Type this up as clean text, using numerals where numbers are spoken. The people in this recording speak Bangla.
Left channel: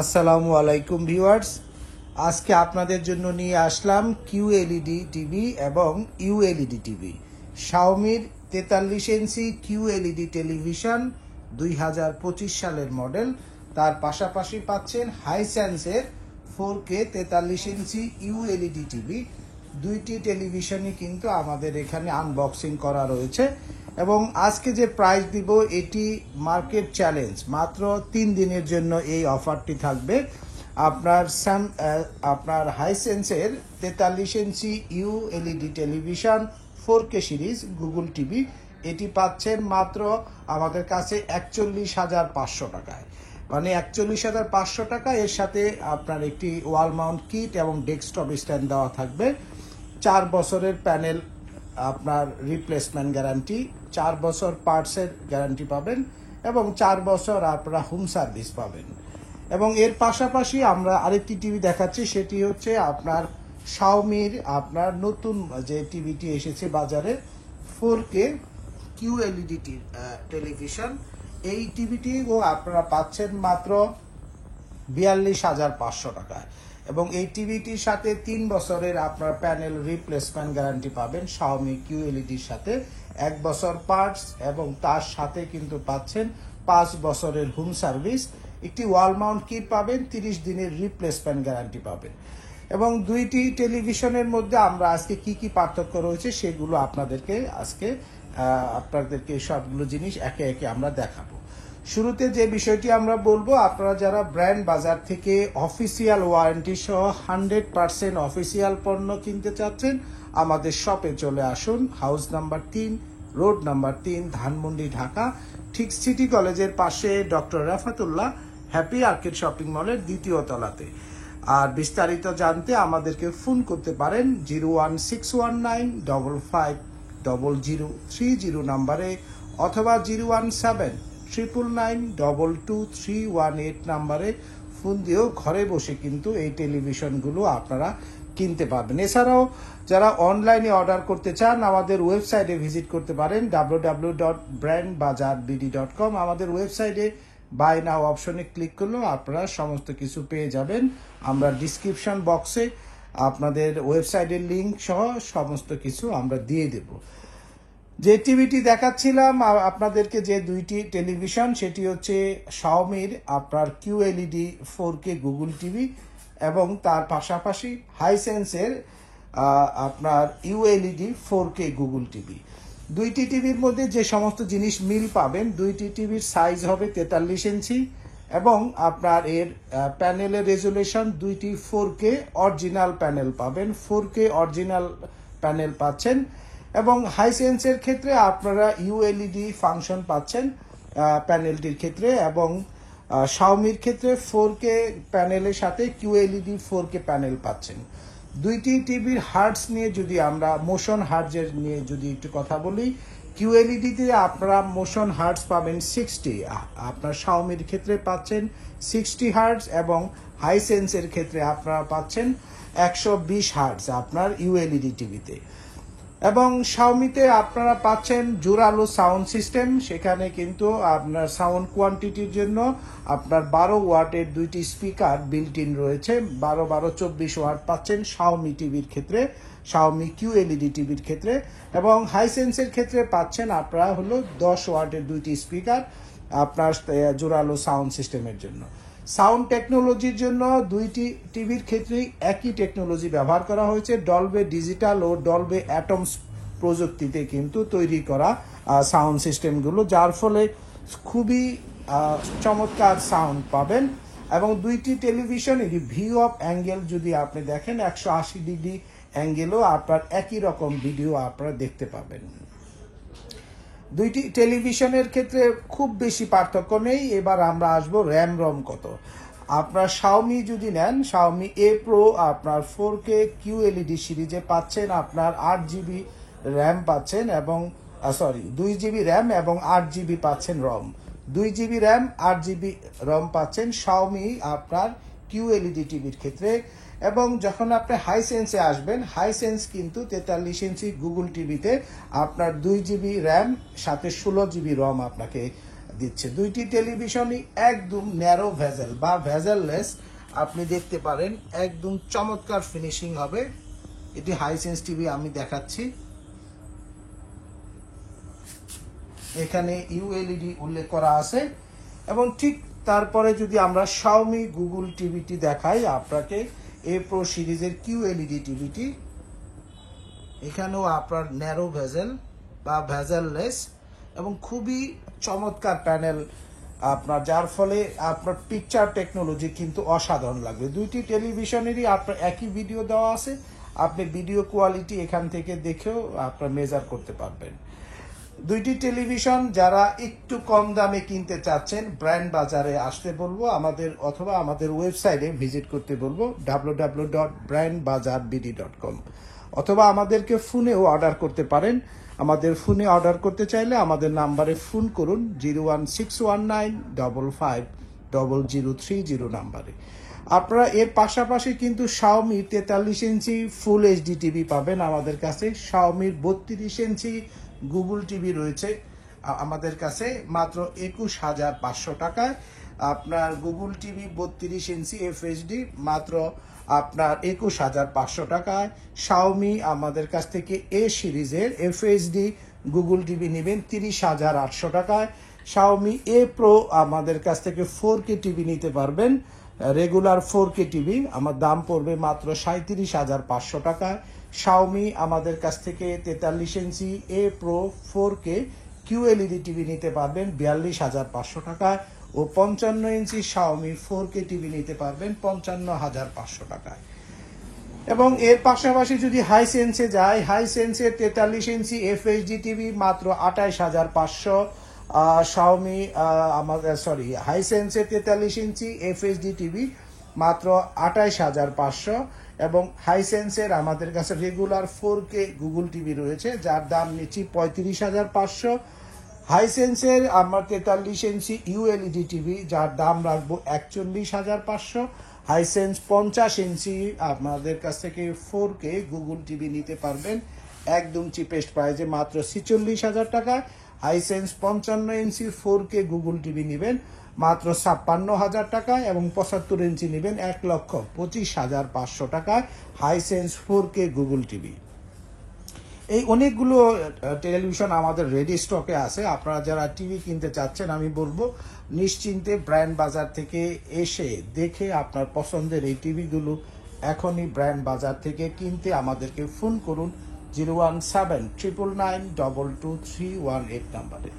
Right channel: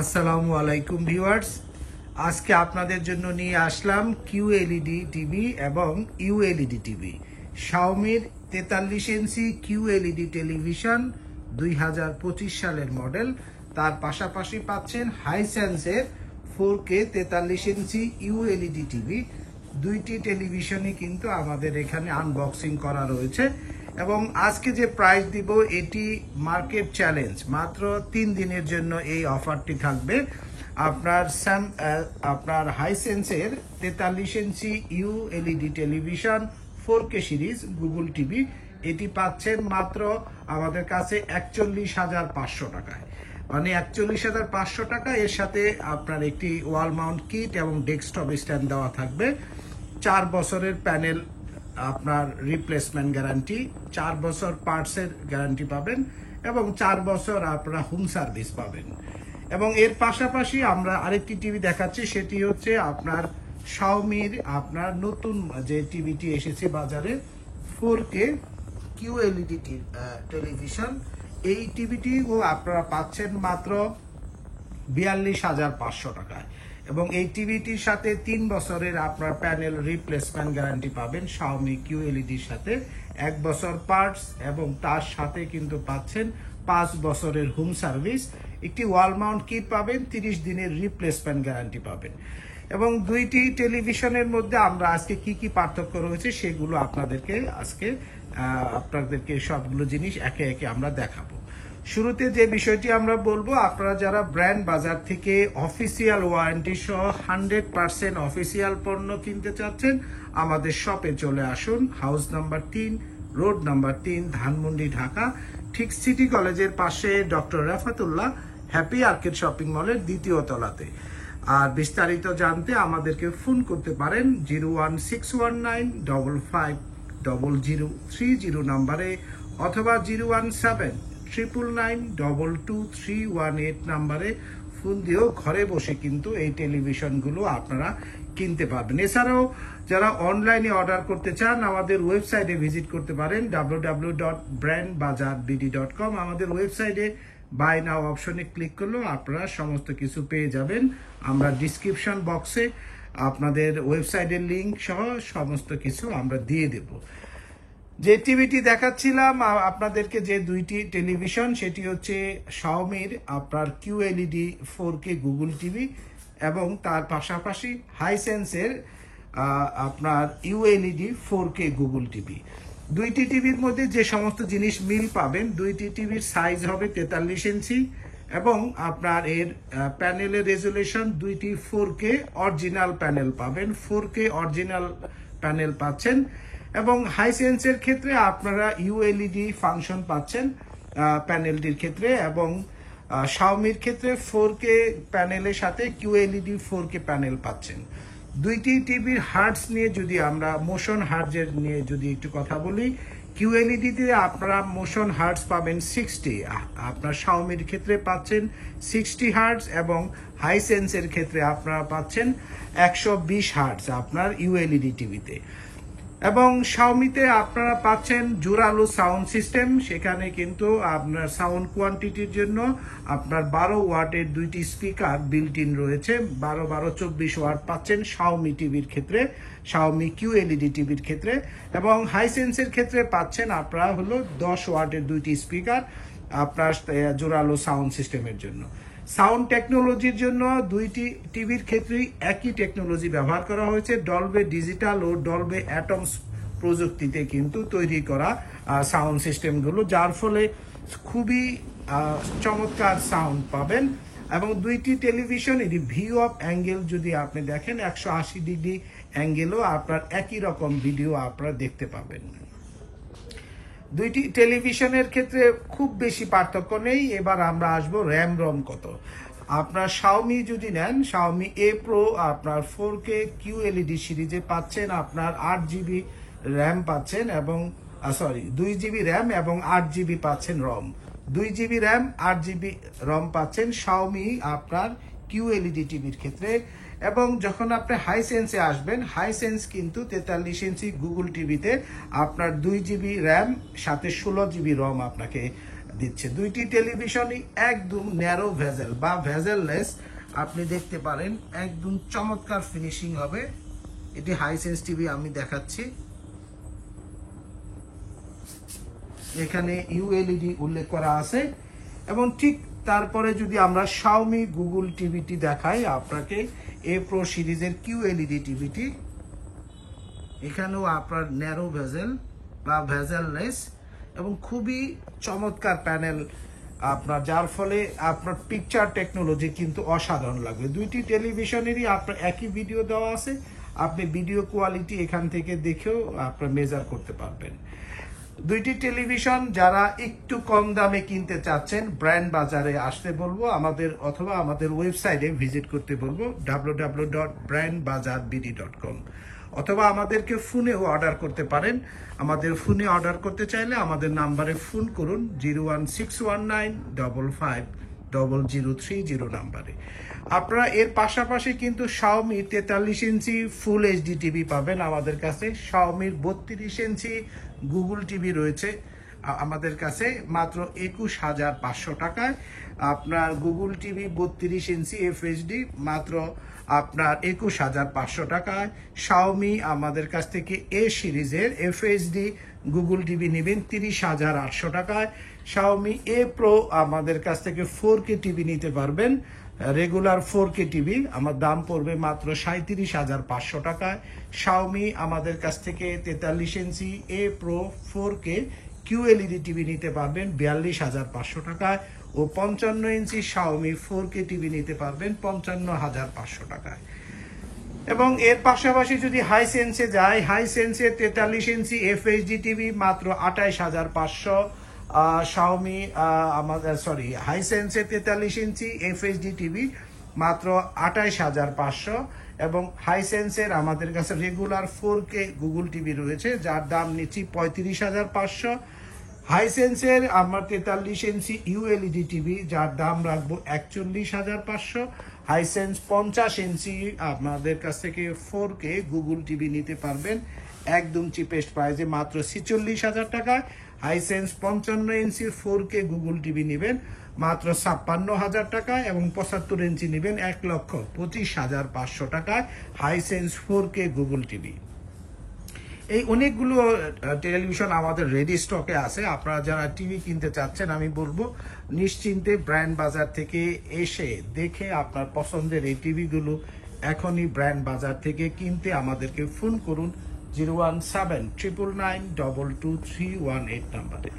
আসসালামু আলাইকুম ভিউয়ার্স, আজকে আপনাদের জন্য নিয়ে আসলাম কিউএলইডি টিভি এবং ইউএলইডি টিভি। শাওমির 43 ইঞ্চি কিউএলইডি টেলিভিশন 2025 সালের মডেল। তার পাশাপাশি পাচ্ছেন হাইসেন্সের 4K 43 ইঞ্চি ইউএলইডি টিভি। দুইটি টেলিভিশনই কিন্তু আমাদের এখানে আনবক্সিং করা রয়েছে এবং আজকে যে প্রাইস দিব এটি মার্কেট চ্যালেঞ্জ। মাত্র 3 দিনের জন্য এই অফারটি থাকবে। আপনার হাইসেন্সের 43 ইঞ্চি ULED television 4K series Google TV এটি পাচ্ছেন মাত্র আমাদের কাছে 41,500 টাকায়, মানে 41,500 টাকা। এর সাথে আপনার একটি ওয়াল মাউন্ট কিট এবং ডেস্কটপ স্ট্যান্ড দেওয়া থাকবে। 4 বছরের প্যানেল আপনার রিপ্লেসমেন্ট গ্যারান্টি, 4 বছর পার্টসের গ্যারান্টি পাবেন এবং 4 বছর আপনারা হোম সার্ভিস পাবেন। এবং এর পাশাপাশি আমরা আরেকটি টিভি দেখাচ্ছি, সেটি হচ্ছে আপনার শাওমির আপনার নতুন যে টিভিটি এসেছে বাজারে 4K কিউএলইডি টেলিভিশন। এই টিভিটি আপনারা পাচ্ছেন মাত্র 42,500 টাকায় এবং এই টিভিটির সাথে 3 বছরের আপনার প্যানেল রিপ্লেসমেন্ট গ্যারান্টি পাবেন শাওমি কিউএলইডির সাথে, 1 বছর পার্টস এবং তার সাথে কিন্তু পাচ্ছেন 5 বছরের হোম সার্ভিস, একটি ওয়াল মাউন্ট কিট পাবেন, 30 দিনের রিপ্লেসমেন্ট গ্যারান্টি পাবেন। এবং দুইটি টেলিভিশনের মধ্যে আমরা আজকে কি কি পার্থক্য রয়েছে সেগুলো আপনাদেরকে সবগুলো জিনিস একে একে আমরা দেখাবো। শুরুতে যে বিষয়টি আমরা বলবো, আপনারা যারা ব্র্যান্ড বাজার থেকে অফিসিয়াল ওয়ারেন্টি সহ 100% অফিসিয়াল পণ্য কিনতে চাচ্ছেন, আমাদের শপে চলে আসুন। House number 3, road number 3, Dhanmondi, Dhaka, ঠিক সিটি কলেজের পাশে doctor Rafatullah happy arcade shopping মলের 2য় তলাতে। আর বিস্তারিত জানতে আমাদেরকে ফোন করতে পারেন 01619550030 নাম্বারে অথবা 01799922318 নাম্বারে ফোন দিয়েও ঘরে বসে কিন্তু এই টেলিভিশনগুলো আপনারা কিনতে পারবেন। এছাড়াও যারা অনলাইনে অর্ডার করতে চান আমাদের ওয়েবসাইটে ভিজিট করতে পারেন www.brandbazaarbd.com। আমাদের ওয়েবসাইটে বাই নাও অপশনে ক্লিক করলেও আপনারা সমস্ত কিছু পেয়ে যাবেন। আমরা ডিসক্রিপশন বক্সে আপনাদের ওয়েবসাইটের লিংক সহ সমস্ত কিছু আমরা দিয়ে দেব। যে টিভিটি দেখাচ্ছিলাম আপনাদেরকে, যে দুইটি টেলিভিশন, সেটি হচ্ছে শাওমির আপনার কিউএলইডি 4K গুগল টিভি এবং তার পাশাপাশি হাইসেন্সের আপনার ইউএলইডি 4K গুগল টিভি। দুইটি টিভির মধ্যে যে সমস্ত জিনিস মিল পাবেন, দুইটি টিভির সাইজ হবে 43 ইঞ্চি এবং আপনার এর প্যানেলের রেজুলেশন দুইটি 4K অরিজিনাল প্যানেল পাবেন, 4K অরিজিনাল প্যানেল পাচ্ছেন। এবং হাইসেন্সের ক্ষেত্রে আপনারা ইউএলইডি ফাংশন পাচ্ছেন প্যানেলটির ক্ষেত্রে এবং শাওমির ক্ষেত্রে 4K প্যানেলের সাথে কিউএলইডি 4K প্যানেল পাচ্ছেন। দুইটি টিভির হার্টস নিয়ে যদি আমরা মোশন হার্টসের নিয়ে যদি একটু কথা বলি, কিউএলইডিতে আপনারা মোশন হার্টস পাবেন 60, আপনার শাওমির ক্ষেত্রে পাচ্ছেন 60 হার্টস এবং হাইসেন্সের ক্ষেত্রে আপনারা পাচ্ছেন 120 হার্টস আপনার ইউএলইডি টিভিতে। এবং শাওমিতে আপনারা পাচ্ছেন জোরালো সাউন্ড সিস্টেম, সেখানে কিন্তু আপনার সাউন্ড কোয়ান্টিটির জন্য আপনার 12 ওয়াটের দুইটি স্পিকার বিল্ট ইন রয়েছে, 12-24 ওয়াট পাচ্ছেন শাওমি টিভির ক্ষেত্রে, শাওমি কিউএলইডি টিভির ক্ষেত্রে। এবং হাইসেন্সের ক্ষেত্রে পাচ্ছেন আপনারা হলো 10 ওয়াটের দুইটি স্পিকার আপনার জোরালো সাউন্ড সিস্টেমের জন্য। সাউন্ড টেকনোলজির জন্য দুইটি টিভির ক্ষেত্রেই একই টেকনোলজি ব্যবহার করা হয়েছে, ডলবে ডিজিটাল ও ডলবে অ্যাটমস প্রযুক্তিতে কিন্তু তৈরি করা সাউন্ড সিস্টেমগুলো, যার ফলে খুবই চমৎকার সাউন্ড পাবেন। এবং দুইটি টেলিভিশনেরই ভিউ অফ অ্যাঙ্গেল যদি আপনি দেখেন 180 ডিগ্রি অ্যাঙ্গেলও আপনার একই রকম ভিডিও আপনারা দেখতে পাবেন। দুইটি টেলিভিশনের ক্ষেত্রে খুব বেশি পার্থক্য নেই। এবার আমরা আসবো র্যাম রম কত। আপনার শাওমি যদি নেন, শাওমি এ প্রো আপনার 4K কিউএলইডি সিরিজে পাচ্ছেন আপনার 8GB র্যাম পাচ্ছেন এবং 2GB র্যাম এবং 8GB পাচ্ছেন রম, 2GB র্যাম 8GB রম পাচ্ছেন শাওমি আপনার কিউএলইডি টিভির ক্ষেত্রে। এবং যখন আপনি হাইসেন্সে আসবেন, হাইসেন্স কিন্তু 43 ইঞ্চি গুগল টিভিতে আপনার 2GB র্যাম সাথে 16GB রম আপনাকে দিচ্ছে। দুইটি টেলিভিশনই একদম ন্যারো ভেজেল বা ভেজেললেস, আপনি দেখতে পারেন একদম চমৎকার ফিনিশিং হবে। এটি হাইসেন্স টিভি আমি দেখাচ্ছি, এখানে ইউএলইডি উল্লেখ করা আছে। এবং ঠিক তারপরে যদি আমরা শাওমি গুগল টিভিটি দেখাই আপনাকে, এ প্রো সিরিজের কিউএলইডি টিভিটি, এখানেও আপনার ন্যারো ভেজেল বা ভেজেললেস এবং খুবই চমৎকার প্যানেল আপনার, যার ফলে আপনার পিকচার টেকনোলজি কিন্তু অসাধারণ লাগবে। দুইটি টেলিভিশনেরই আপনার একই ভিডিও দেওয়া আছে, আপনি ভিডিও কোয়ালিটি এখান থেকে দেখেও আপনার মেজার করতে পারবেন। দুইটি টেলিভিশন যারা একটু কম দামে কিনতে চাচ্ছেন, ব্র্যান্ড বাজারে আসতে বলবো আমাদের, অথবা আমাদের ওয়েবসাইটে ভিজিট করতে বলবো www.brandbazarbd.com, অথবা আমাদেরকে ফোনেও অর্ডার করতে পারেন। আমাদের ফোনে অর্ডার করতে চাইলে আমাদের নাম্বারে ফোন করুন 01619550030 নাম্বারে। আপনারা এর পাশাপাশি কিন্তু শাওমি 43 ইঞ্চি ফুল এইচডি টিভি পাবেন আমাদের কাছে। শাওমির 32 ইঞ্চি গুগল টিভি রয়েছে আমাদের কাছে মাত্র 21,500 টাকায়। আপনার গুগল টিভি 32 ইঞ্চি এফএইচডি মাত্র আপনার 21,500 টাকায়। শাওমি আমাদের কাছ থেকে এ সিরিজের এফএইচডি গুগল টিভি নেবেন 30,800 টাকায়। শাওমি এ প্রো আমাদের কাছ থেকে 4K টিভি নিতে পারবেন, রেগুলার 4K টিভি আমার দাম পড়বে মাত্র 37,500 টাকায়। শাওমি আমাদের কাছ থেকে 43 ইঞ্চি A pro 4K QLED TV নিতে পারবেন 42,500 টাকায়, ও 55 ইঞ্চি শাওমি 4K টিভি নিতে পারবেন 55,500 টাকায়। এবং এর পাশাপাশি যদি হাইসেন্সে যায়, হাইসেন্সের 43 ইঞ্চি এফএইচডি টিভি মাত্র 28,500, শাওমি আমাদের হাইসেন্সের 43 ইঞ্চি এফএইচডি টিভি মাত্র 28,500, এবং হাইসেন্সের আমাদের কাছে রেগুলার 4K গুগল টিভি রয়েছে যার দাম নিচ্ছি 35,500। হাইসেন্সের আমার 43 ইঞ্চি ইউএলইডি টিভি যার দাম রাখবো 41,500। হাইসেন্স 50 ইঞ্চি আপনাদের কাছ থেকে 4K গুগল টিভি নিতে পারবেন একদম চিপেস্ট প্রাইজে মাত্র 46,000 টাকা। হাইসেন্স 55 ইঞ্চি 4K গুগল টিভি নেবেন মাত্র 56,000 টাকায়, এবং 75 ইঞ্চি নেবেন 1,25,500 টাকায় হাইসেন্স 4K গুগল টিভি। এই অনেকগুলো টেলিভিশন আমাদের রেডি স্টকে আছে। আপনারা যারা টিভি কিনতে চাচ্ছেন আমি বলবো নিশ্চিন্তে ব্র্যান্ড বাজার থেকে এসে দেখে আপনার পছন্দের এই টিভিগুলো এখনই ব্র্যান্ড বাজার থেকে কিনতে আমাদেরকে ফোন করুন 01799922318 নাম্বারে।